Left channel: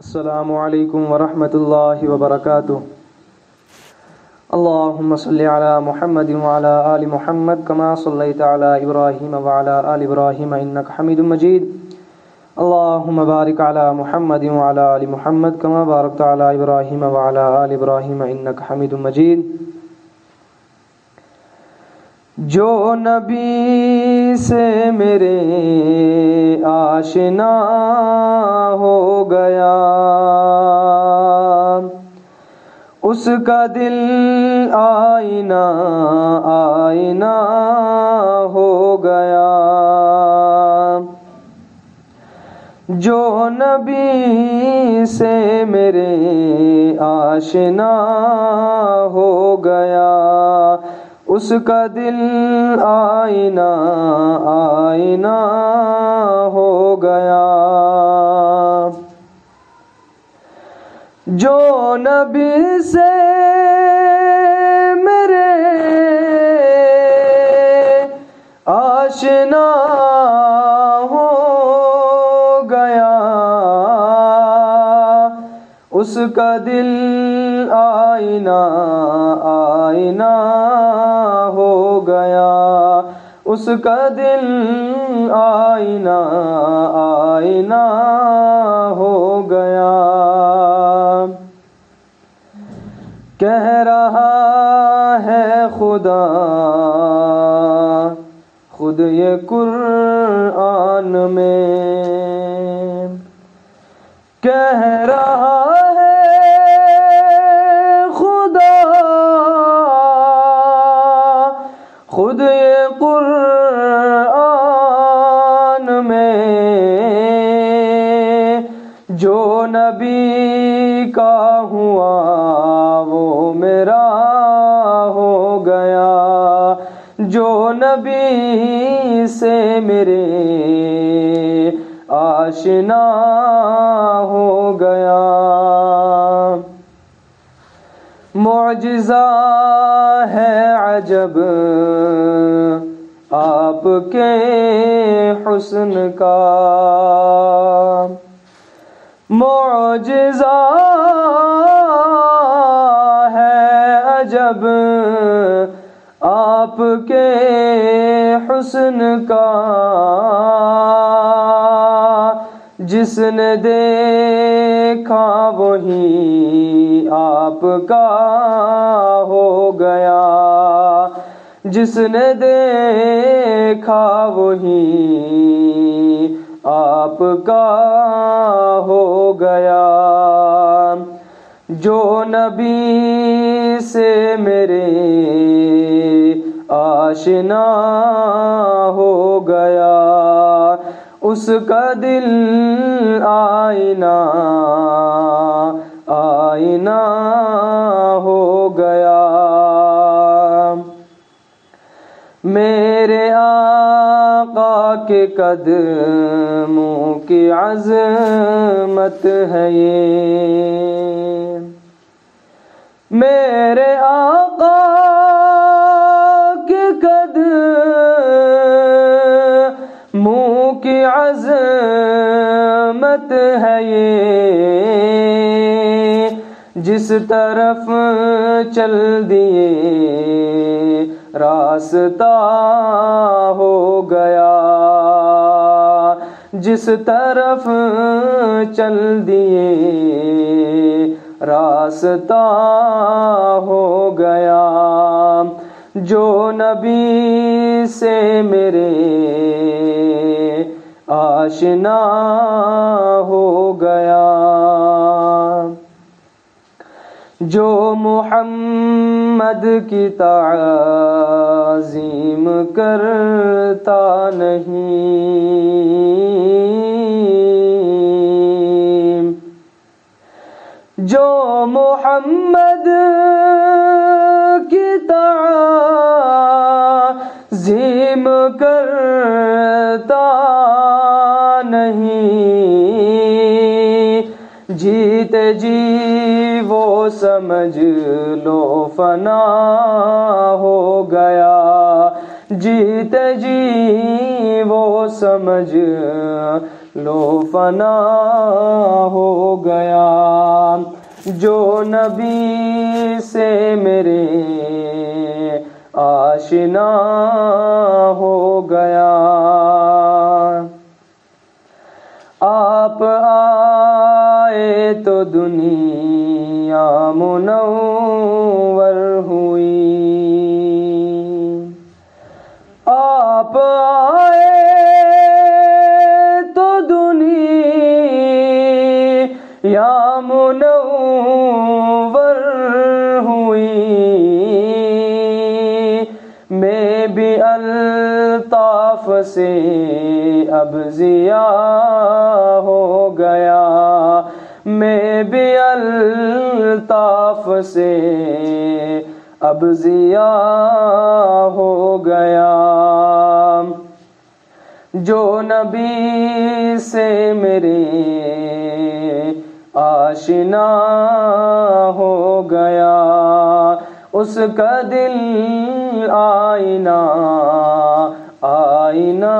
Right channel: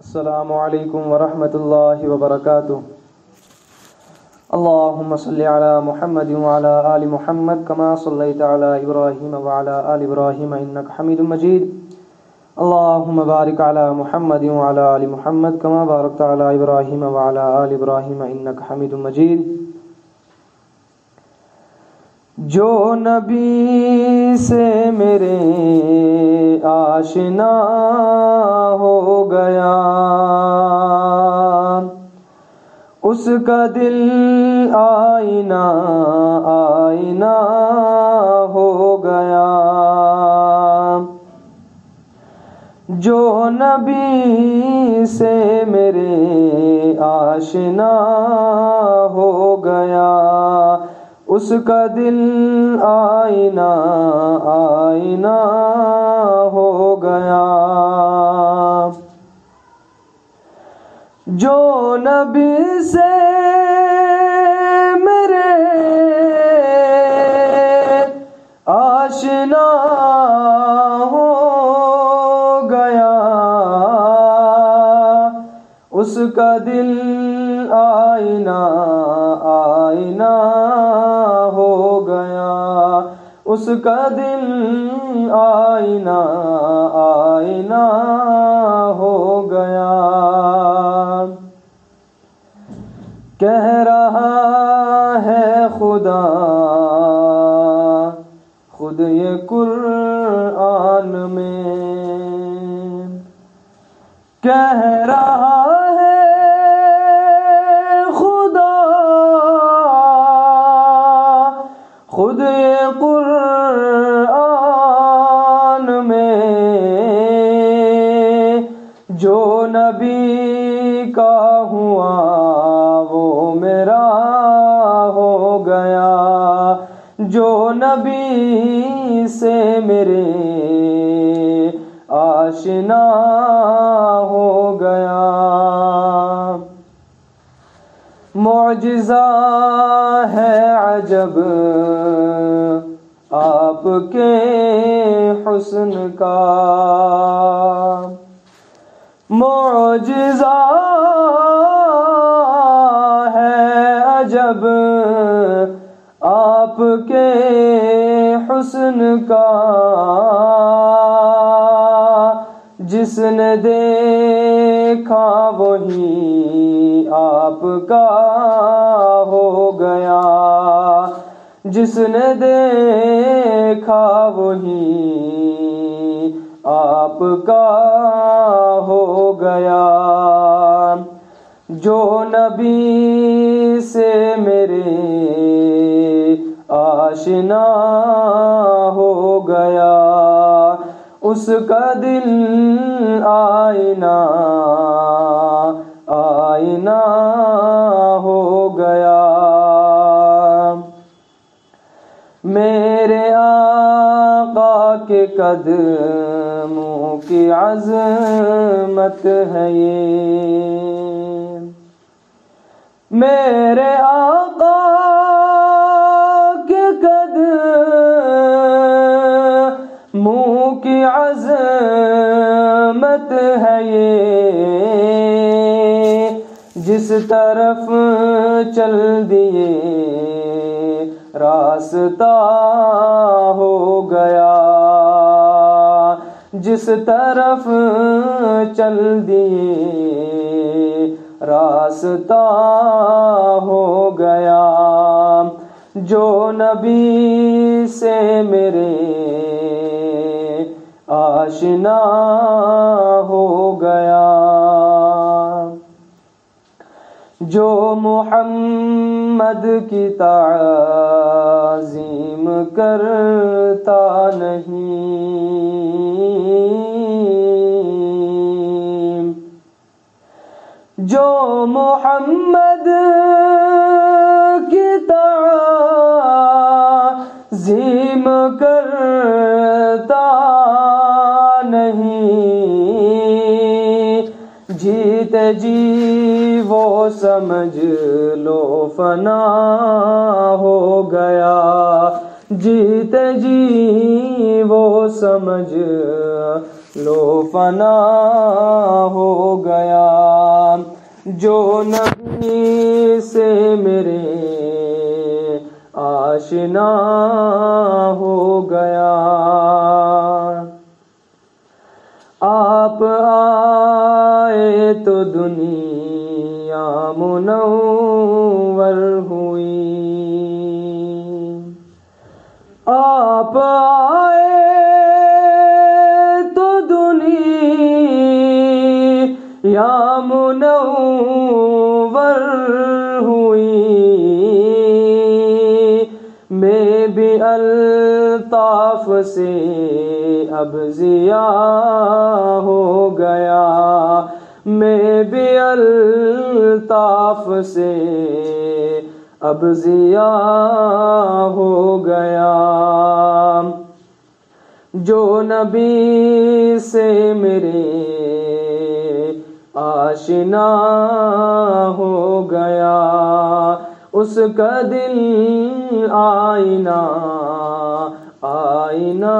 السلام علیکم ورحمۃ اللہ وبرکاتہ۔ اللہم صلی علی محمد وعلی آل محمد کما صلیت علی ابراہیم وعلی آل ابراہیم انک حمید مجید۔ اللہم بارک علی محمد وعلی آل محمد کما بارکت علی ابراہیم وعلی آل ابراہیم انک حمید مجید۔ جو نبی سے میرے آشنا ہو گیا، اس کا دل آئینہ آئینہ ہو گیا۔ جو نبی سے میرے آشنا ہو گیا، اس کا دل آئینہ آئینہ ہو گیا۔ جو نبی سے میرے آشنا ہو گیا، اس کا دل آئینہ آئینہ ہو گیا، اس کا دل آئینہ آئینہ ہو گیا۔ کہہ رہا ہے خدا خود یہ قرآن میں، کہہ رہا ہے خدا خود یہ قرآن میں، جو نبی کا ہوا وہ میرا ہو گیا، جو نبی سے میرے آشنا ہو گیا۔ معجزہ ہے عجب آپ کے حسن کا، معجزہ ہے عجب آپ کے حسن کا، جس نے دیکھا وہی آپ کا ہو گیا، جس نے دیکھا وہی آپ کا ہو گیا۔ جو نبی سے میرے آشنا ہو گیا، اس کا دل آئینہ آئینہ ہو گیا۔ میرے آقا کے قدموں کی عظمت ہے یہ، میرے آقا کے قدموں کی عظمت ہے یہ، جس طرف چل دیے راستہ ہو گیا، جس طرف چل دیے راستہ ہو گیا۔ جو نبی سے میرے آشنا ہو گیا، جو محمد کی تعظیم کرتا نہیں، جو محمد کی تعظیم کرتا نہیں، جیتے جی وہ سمجھ لو فنا ہو گیا، جیتے جی وہ سمجھ لو فنا ہو گیا۔ جو نبی سے میرے آشنا ہو گیا، آپ آئے تو دنیا منور ہوئی، آپ آئے تو دنیا منور ہوئی، میں بھی الطاف سے اب ضیاء ہو گیا، میں بھی الطاف سے اب ضیاء ہو گیا، جو نبی سے میرے آشنا ہو گیا، اس کا دل آئینہ آئینہ